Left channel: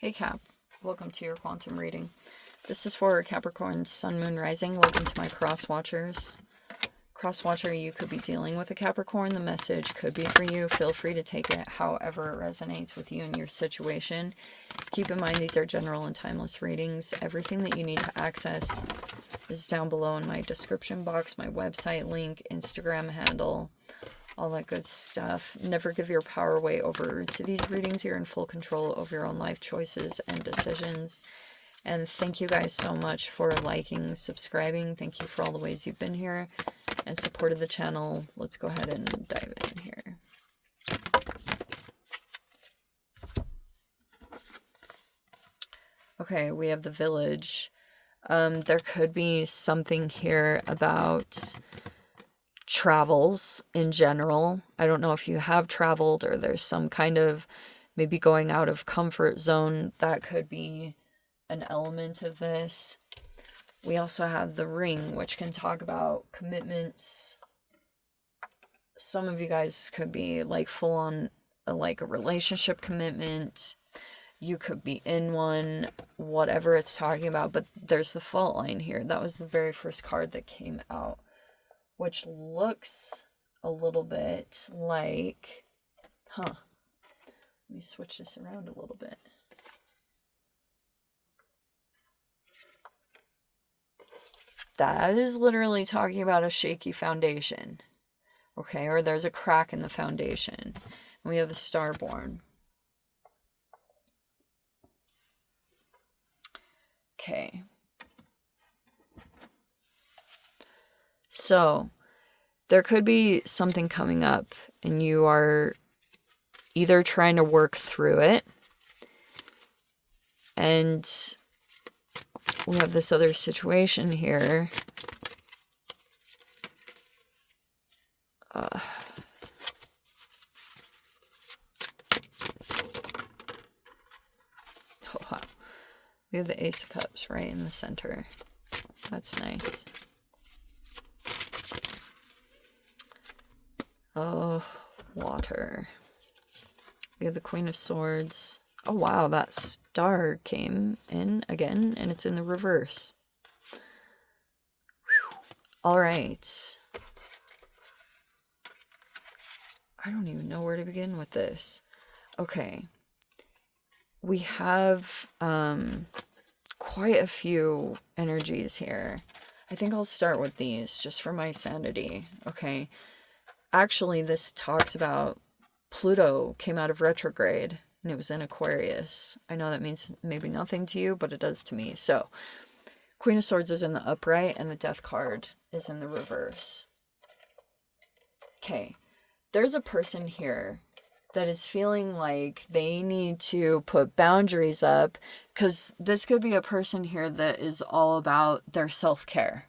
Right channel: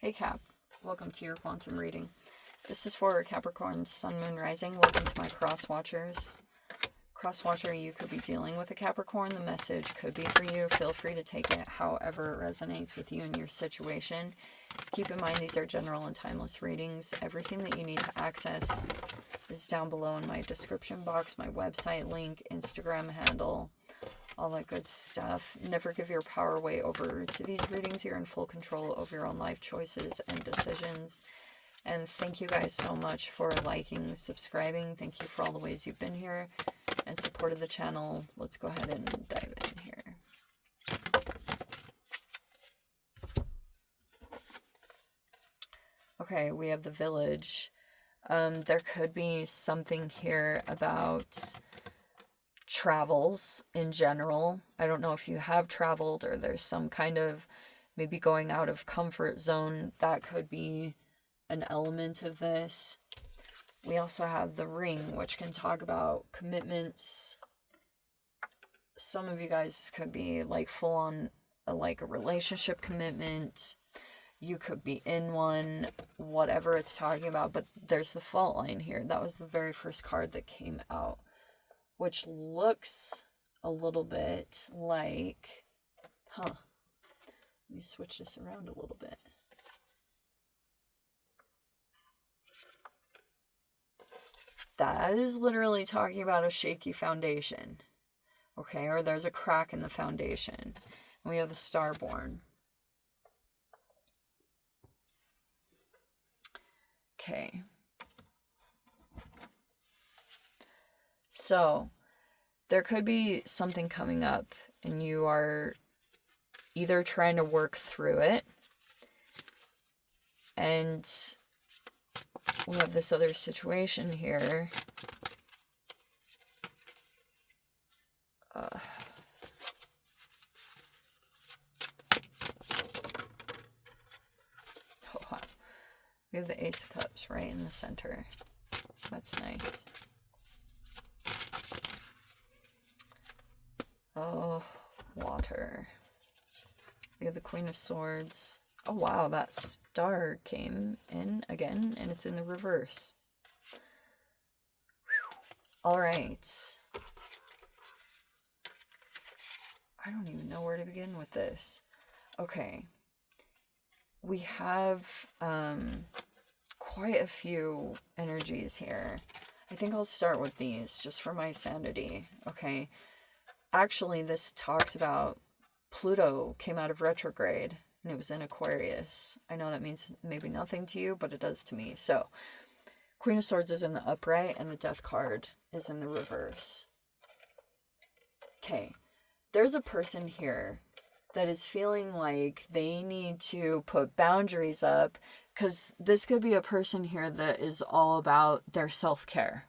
Hey Cap, welcome to your quantum reading. This is for Capricorn, Sun, Moon, Rising. Welcome to my cross-watchers. Cross-watcher, you could be dealing with a Capricorn. The message could be for you. Feel free to take it however it resonates with you and your situation. Keep in mind these are general and timeless readings. Everything that you need to access is down below in my description box, my website link, Instagram handle, all that good stuff. Never give your power away over to these readings. You're in full control of your own life choices and decisions. And thank you guys so much for liking, subscribing. Thank you for all the ways you've been here and supported the channel. Let's go ahead and dive in here. Okay, we have the Village. There could be something here about travels in general. I don't know if you have traveled or there's some kind of maybe going out of comfort zone. That could be an element of this. We also have the Ring, which can talk about commitments. Some of you guys could be like full on like a relationship commitment. You could be in one, whatever it's talking about. But there's the fault line here. That was the very first card that came out, which looks a little bit like, let me switch this around a little bit. That is literally talking about a shaky foundation, okay? Or there's a crack in the foundation. We have the Starborn. Okay. So, there could be something coming up and you are either trying to work through it, and we have this other situation here. We have the Ace of Cups right in the center. That's nice. Oh, water. We have the Queen of Swords. Oh wow, that star came in again, and it's in the reverse. Alright. I don't even know where to begin with this. Okay. We have quite a few energies here. I think I'll start with these, just for my sanity. Okay. Actually, this talks about Pluto came out of retrograde and it was in Aquarius. I know that means maybe nothing to you, but it does to me. So, Queen of Swords is in the upright and the Death card is in the reverse. Okay, there's a person here that is feeling like they need to put boundaries up, because this could be a person here that is all about their self-care.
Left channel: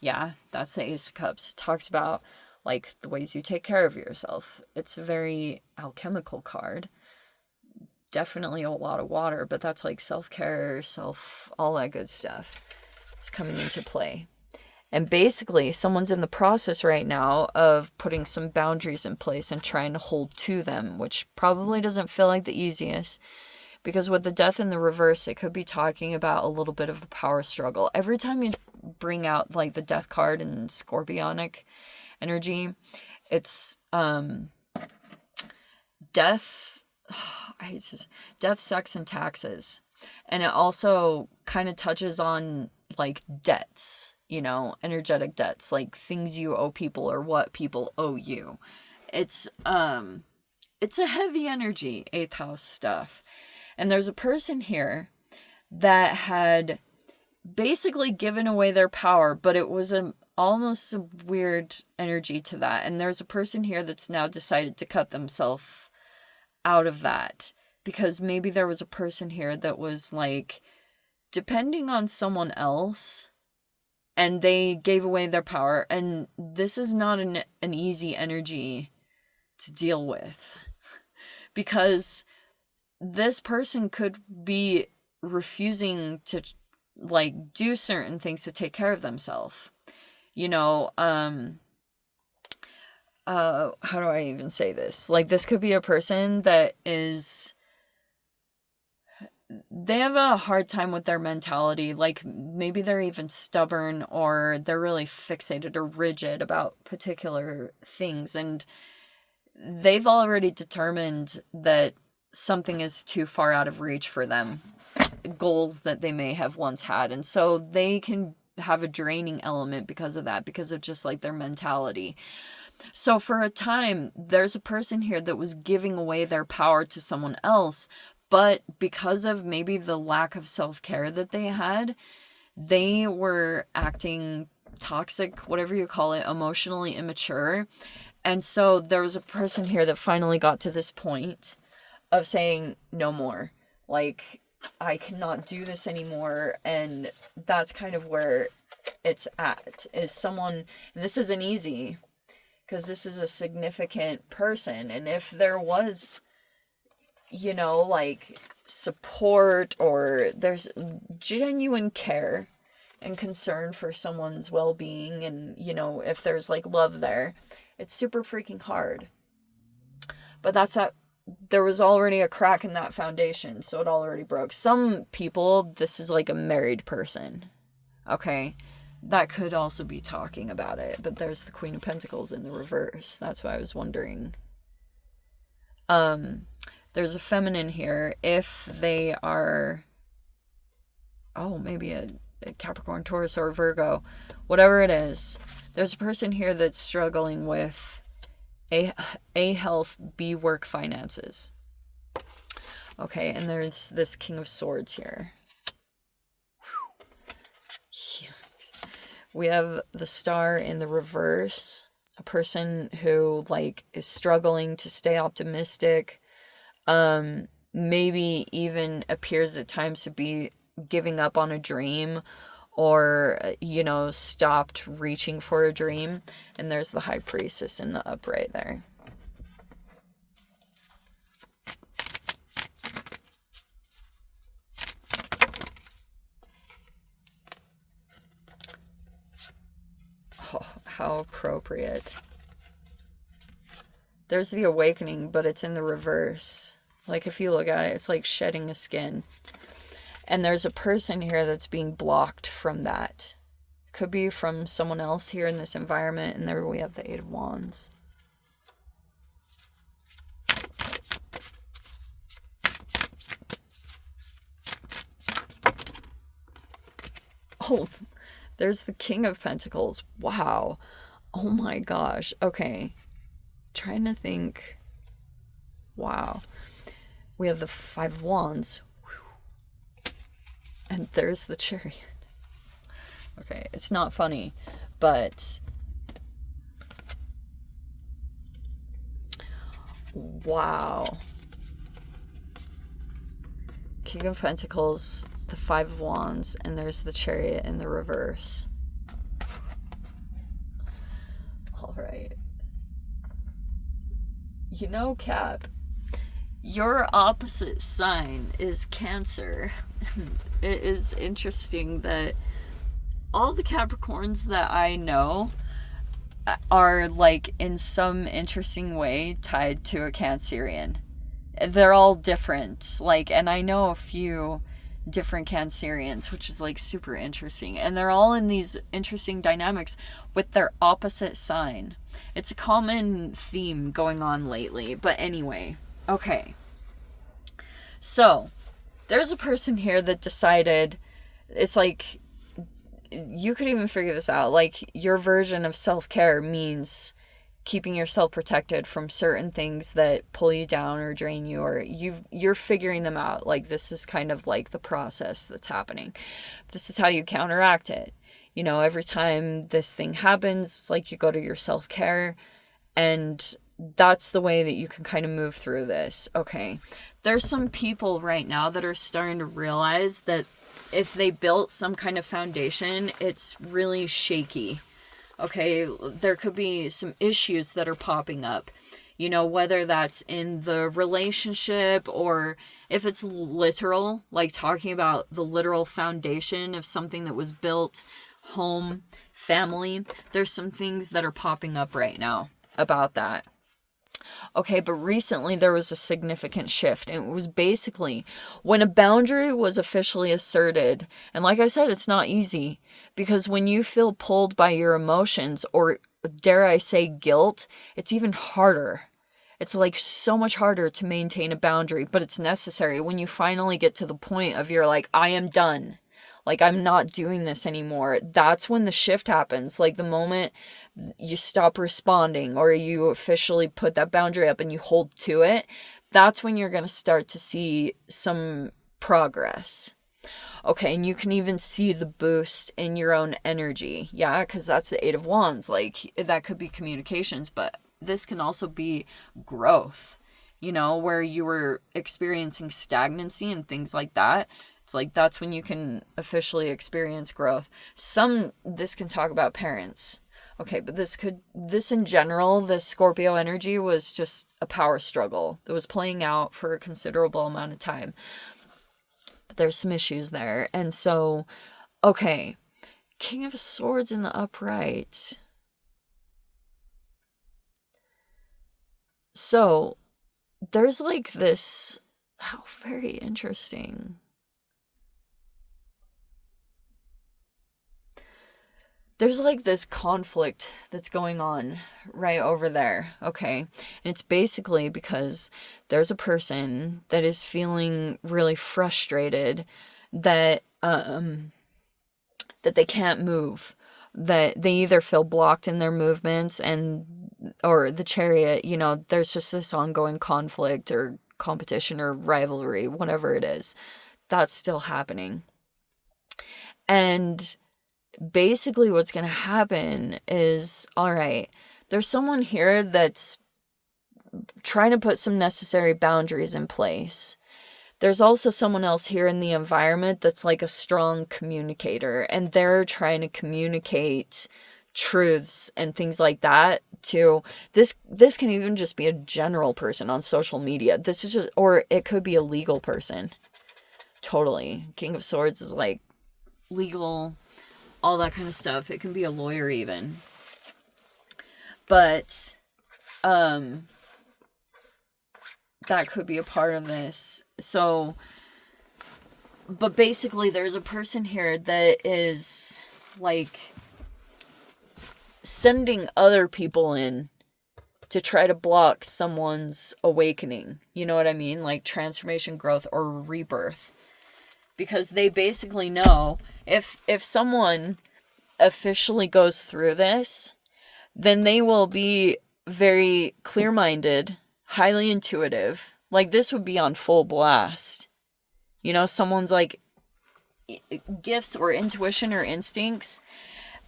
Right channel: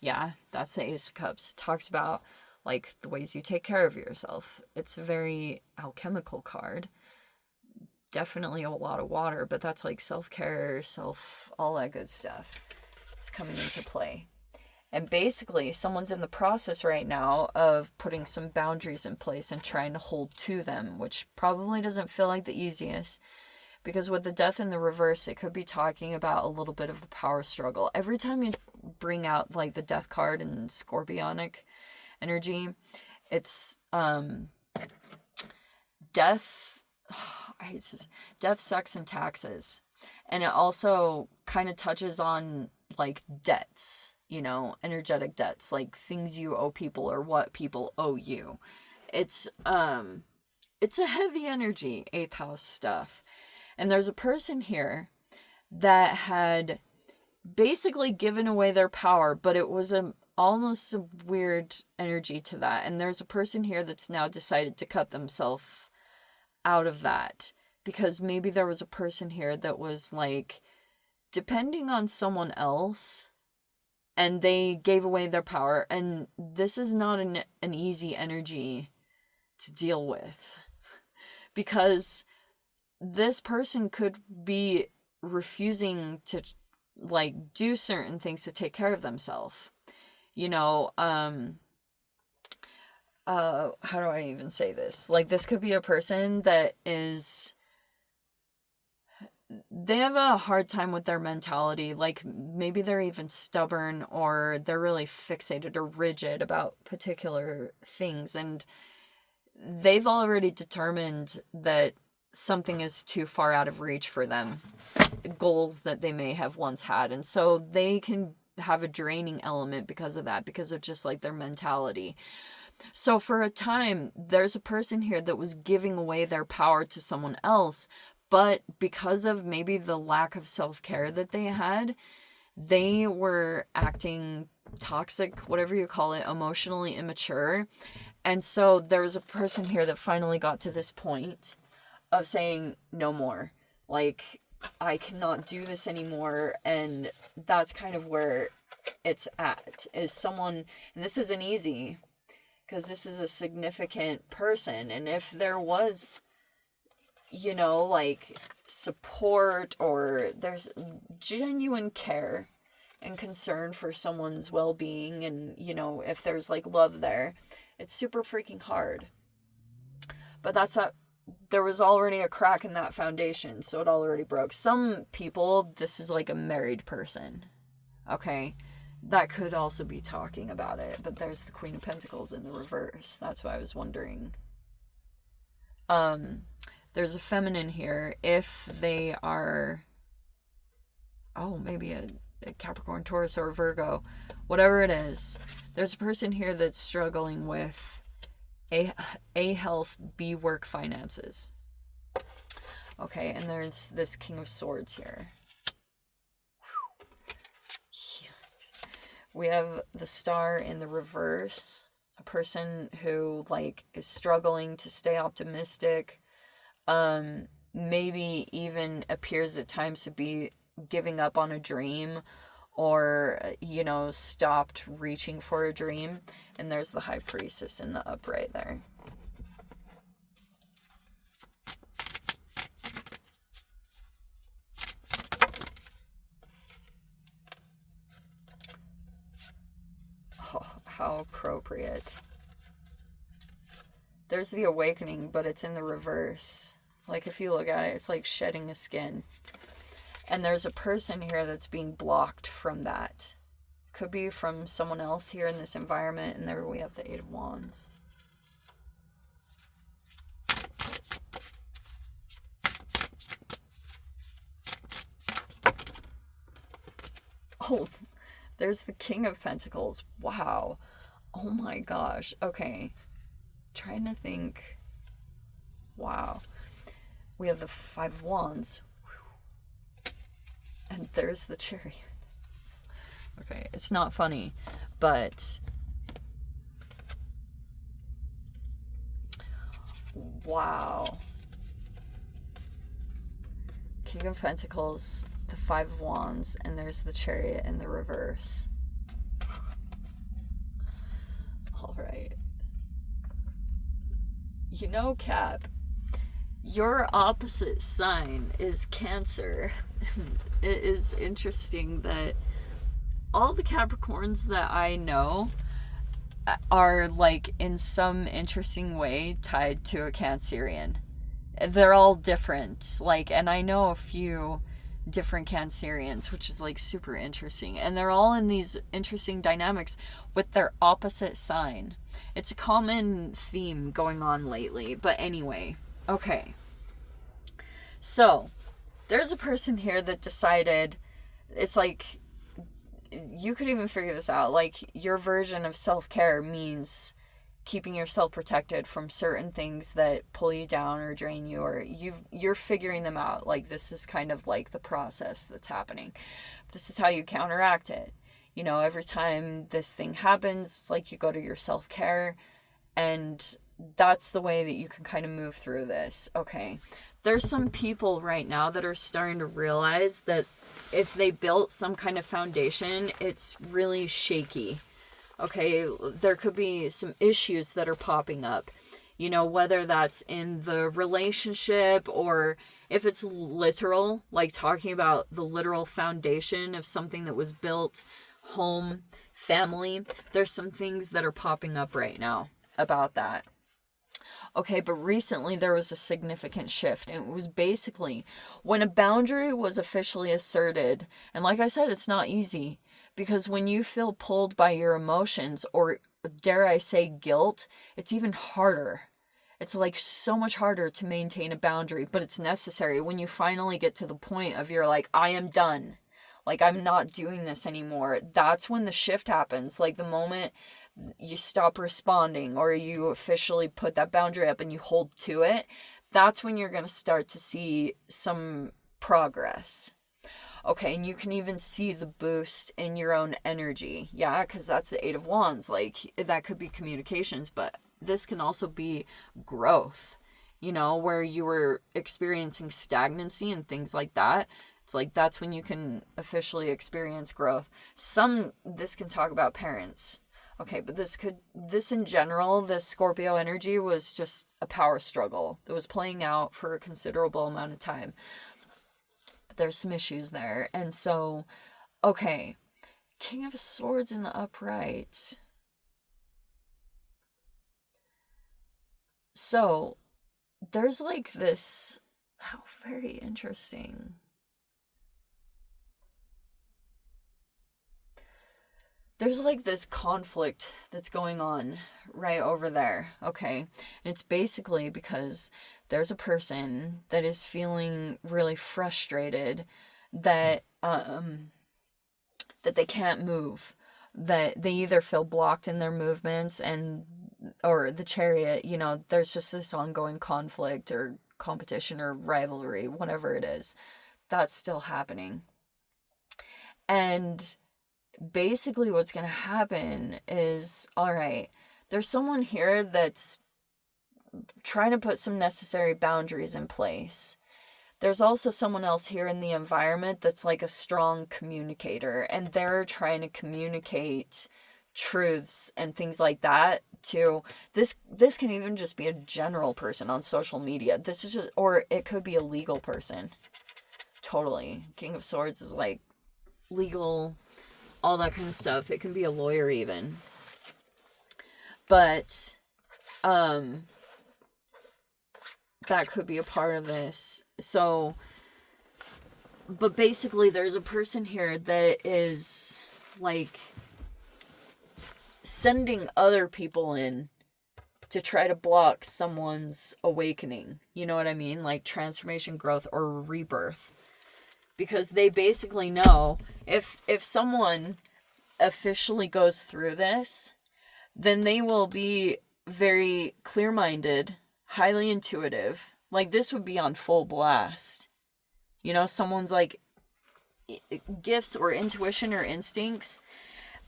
Yeah, that's the Ace of Cups. It talks about like the ways you take care of yourself. It's a very alchemical card. Definitely a lot of water, but that's like self-care, all that good stuff. It's coming into play. And basically, someone's in the process right now of putting some boundaries in place and trying to hold to them, which probably doesn't feel like the easiest. Because with the Death in the reverse, it could be talking about a little bit of a power struggle. Every time you bring out like the Death card and Scorpionic energy, it's death, I hate this, death, sex, and taxes. And it also kind of touches on like debts, you know, energetic debts, like things you owe people or what people owe you. It's a heavy energy, 8th house stuff. And there's a person here that had basically given away their power, but it was almost a weird energy to that. And there's a person here that's now decided to cut themselves out of that, because maybe there was a person here that was like depending on someone else and they gave away their power. And this is not an easy energy to deal with, because this person could be refusing to like do certain things to take care of themselves. You know, how do I even say this? Like, this could be a person that is they have a hard time with their mentality. Like, maybe they're even stubborn, or they're really fixated or rigid about particular things, and they've already determined that something is too far out of reach for them, goals that they may have once had, and so they can have a draining element because of that, because of just like their mentality. So for a time, there's a person here that was giving away their power to someone else, but because of maybe the lack of self-care that they had, they were acting toxic, whatever you call it, emotionally immature. And so there was a person here that finally got to this point of saying, no more. Like, I cannot do this anymore. And that's kind of where it's at, is someone, and this isn't easy, because this is a significant person. And if there was, you know, like, support, or there's genuine care and concern for someone's well-being, and, you know, if there's like love there, it's super freaking hard. But that's that. There was already a crack in that foundation, so it already broke. Some people, this is like a married person, okay? That could also be talking about it, but there's the Queen of Pentacles in the reverse. That's why I was wondering. There's a feminine here. If they are, maybe a Capricorn, Taurus, or Virgo, whatever it is, there's a person here that's struggling with A, health, B, work, finances. Okay, and there's this King of Swords here. We have the Star in the reverse. A person who, like, is struggling to stay optimistic. Maybe even appears at times to be giving up on a dream, or, you know, stopped reaching for a dream. And there's the High Priestess in the upright there. Oh, how appropriate. There's the Awakening, but it's in the reverse. Like, if you look at it, it's like shedding a skin. And there's a person here that's being blocked from that. Could be from someone else here in this environment. And there we have the Eight of Wands. Oh, there's the King of Pentacles. Wow. Oh my gosh. Okay. Trying to think. Wow. We have the Five of Wands. And there's the Chariot. Okay, it's not funny, but wow. King of Pentacles, the Five of Wands, and there's the Chariot in the reverse. All right. You know, Cap, your opposite sign is Cancer. It is interesting that all the Capricorns that I know are, like, in some interesting way tied to a Cancerian. They're all different, like, and I know a few different Cancerians, which is, like, super interesting, and they're all in these interesting dynamics with their opposite sign. It's a common theme going on lately, but anyway, okay. So, there's a person here that decided, it's like, you could even figure this out, like, your version of self-care means keeping yourself protected from certain things that pull you down or drain you, or you're figuring them out. Like, this is kind of like the process that's happening. This is how you counteract it. You know, every time this thing happens, it's like you go to your self-care, and that's the way that you can kind of move through this. Okay, there's some people right now that are starting to realize that if they built some kind of foundation, it's really shaky. Okay, there could be some issues that are popping up, you know, whether that's in the relationship, or if it's literal, like talking about the literal foundation of something that was built, home, family. There's some things that are popping up right now about that. Okay, but recently there was a significant shift, and it was basically when a boundary was officially asserted. And like I said, it's not easy, because when you feel pulled by your emotions, or dare I say guilt, it's even harder. It's like so much harder to maintain a boundary, but it's necessary. When you finally get to the point of you're like, I am done. Like, I'm not doing this anymore. That's when the shift happens. Like, the moment you stop responding, or you officially put that boundary up and you hold to it, that's when you're going to start to see some progress. Okay, and you can even see the boost in your own energy. Yeah, because that's the Eight of Wands. Like, that could be communications, but this can also be growth, where you were experiencing stagnancy and things like that. It's like that's when you can officially experience growth. This can talk about parents. Okay, but this in general, the Scorpio energy was just a power struggle that was playing out for a considerable amount of time. But there's some issues there. And so, okay, King of Swords in the upright. So, there's like this, how very interesting. There's like this conflict that's going on right over there, okay? And it's basically because there's a person that is feeling really frustrated that that they can't move, that they either feel blocked in their movements, and or the Chariot, there's just this ongoing conflict or competition or rivalry, whatever it is, that's still happening. And basically what's going to happen is, all right, there's someone here that's trying to put some necessary boundaries in place. There's also someone else here in the environment that's like a strong communicator, and they're trying to communicate truths and things like that to this can even just be a general person on social media. This is just, or it could be a legal person. Totally. King of Swords is like legal, all that kind of stuff. It can be a lawyer even. But that could be a part of this. So, but basically there's a person here that is like sending other people in to try to block someone's awakening. You know what I mean? Like transformation, growth, or rebirth. Because they basically know if someone officially goes through this, then they will be very clear-minded, highly intuitive. Like, this would be on full blast. Someone's like gifts or intuition or instincts,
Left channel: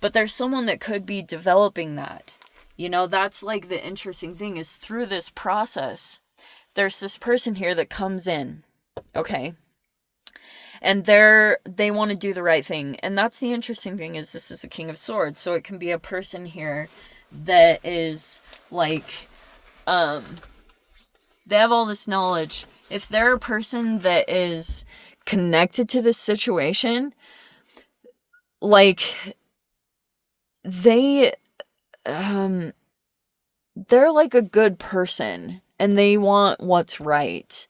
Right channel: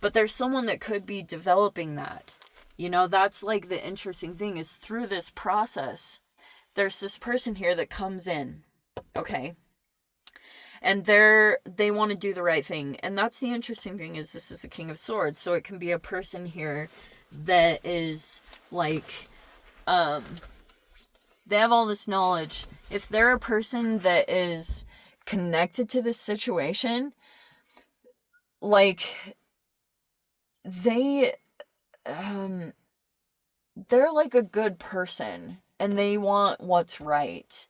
but there's someone that could be developing that. That's like the interesting thing is through this process, there's this person here that comes in, okay? And they want to do the right thing. And that's the interesting thing is this is the King of Swords. So it can be a person here that is like, they have all this knowledge. If they're a person that is connected to this situation, like they're like a good person and they want what's right.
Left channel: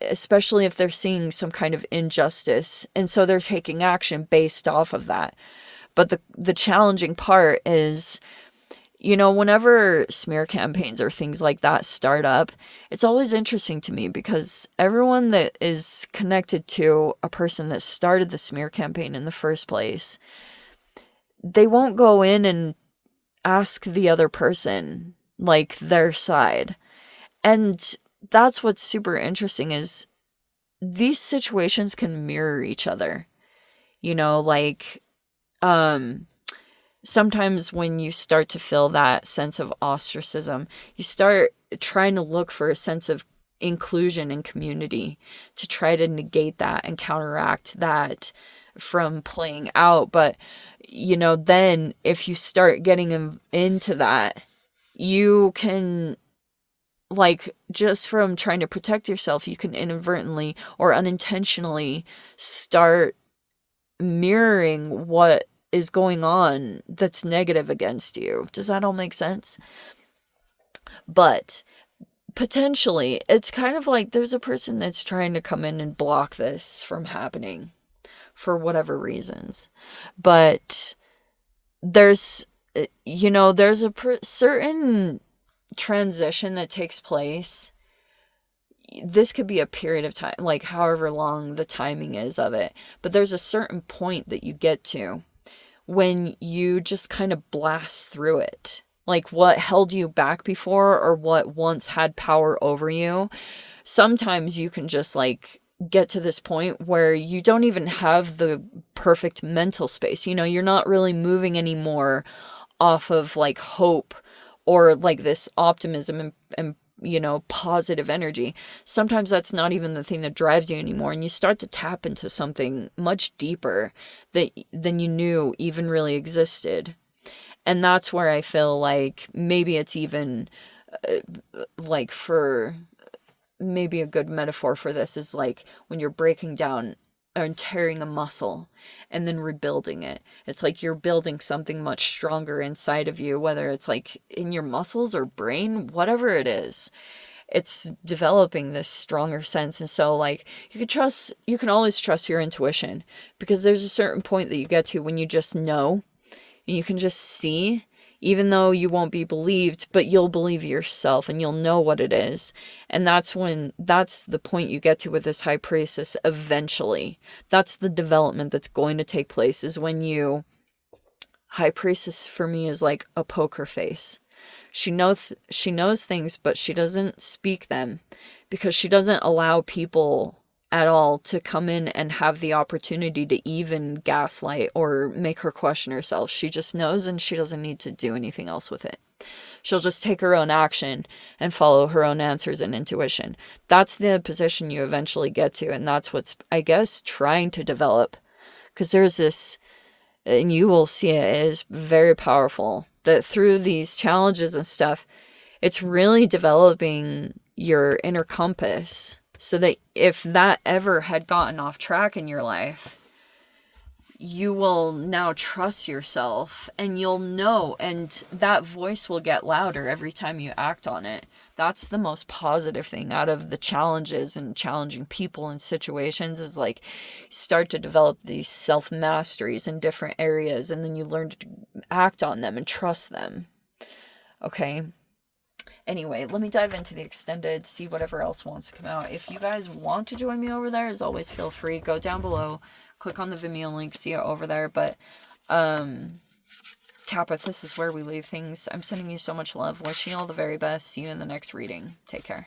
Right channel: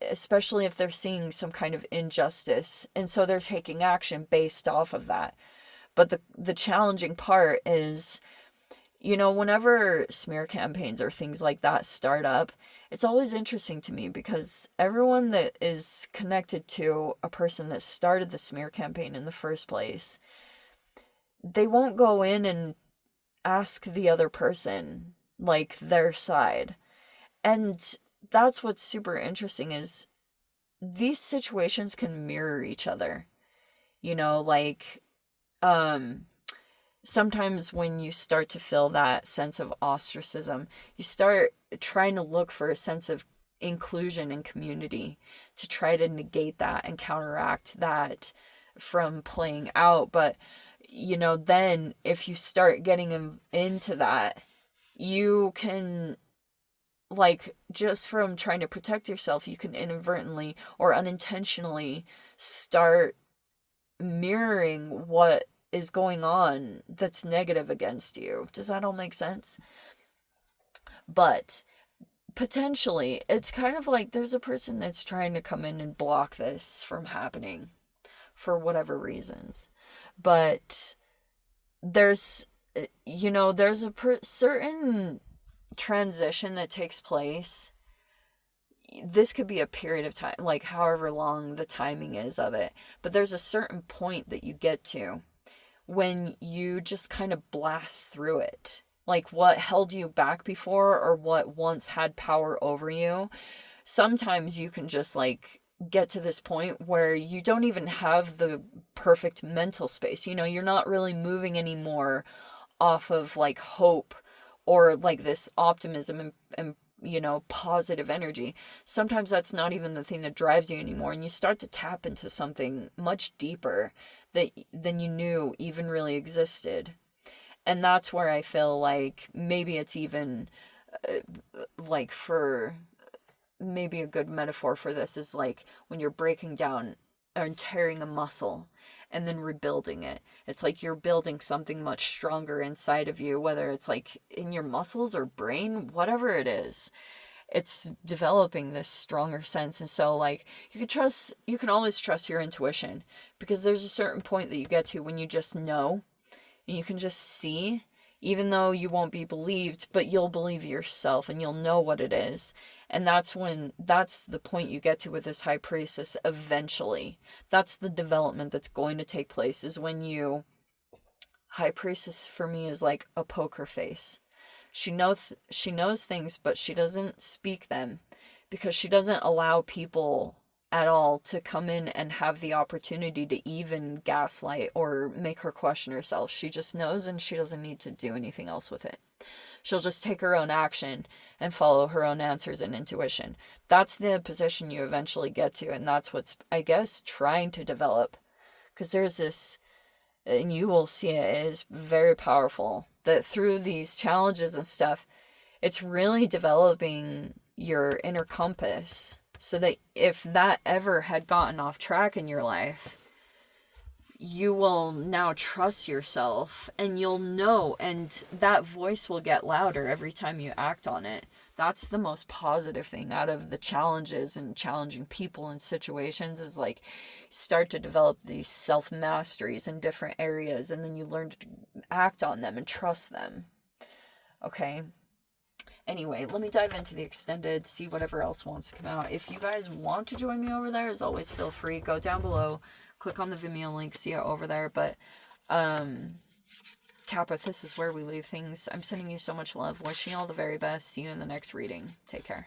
Especially if they're seeing some kind of injustice, and so they're taking action based off of that. But the challenging part is, whenever smear campaigns or things like that start up, it's always interesting to me because everyone that is connected to a person that started the smear campaign in the first place, they won't go in and ask the other person like their side. And that's what's super interesting is these situations can mirror each other. Like sometimes when you start to feel that sense of ostracism, you start trying to look for a sense of inclusion and community to try to negate that and counteract that from playing out. But then if you start getting into that, you can, like, just from trying to protect yourself, you can inadvertently or unintentionally start mirroring what is going on that's negative against you. Does that all make sense? But potentially, it's kind of like there's a person that's trying to come in and block this from happening for whatever reasons. But there's, there's a certain transition that takes place. This could be a period of time, like however long the timing is of it. But there's a certain point that you get to when you just kind of blast through it. Like what held you back before or what once had power over you. Sometimes you can just like get to this point where you don't even have the perfect mental space. You're not really moving anymore off of like hope or like this optimism and positive energy. Sometimes that's not even the thing that drives you anymore, and you start to tap into something much deeper than you knew even really existed. And that's where I feel like maybe it's even like for maybe a good metaphor for this is like when you're breaking down and tearing a muscle and then rebuilding it. It's like you're building something much stronger inside of you, whether it's like in your muscles or brain, whatever it is. It's developing this stronger sense. And so like you can always trust your intuition, because there's a certain point that you get to when you just know and you can just see, even though you won't be believed, but you'll believe yourself and you'll know what it is. And that's the point you get to with this high priestess eventually. That's the development that's going to take place, is when high priestess for me is like a poker face. She knows things, but she doesn't speak them because she doesn't allow people at all to come in and have the opportunity to even gaslight or make her question herself. She just knows, and she doesn't need to do anything else with it. She'll just take her own action and follow her own answers and intuition. That's the position you eventually get to, and that's what's, I guess, trying to develop. Because there's this, and you will see it is very powerful, that through these challenges and stuff, it's really developing your inner compass. So that if that ever had gotten off track in your life, you will now trust yourself, and you'll know, and that voice will get louder every time you act on it. That's the most positive thing out of the challenges and challenging people and situations, is like start to develop these self-masteries in different areas, and then you learn to act on them and trust them. Okay. Anyway, let me dive into the extended, see whatever else wants to come out. If you guys want to join me over there, as always, feel free. Go down below, click on the Vimeo link, see it over there. But, Kappa, this is where we leave things. I'm sending you so much love. Wishing you all the very best. See you in the next reading. Take care.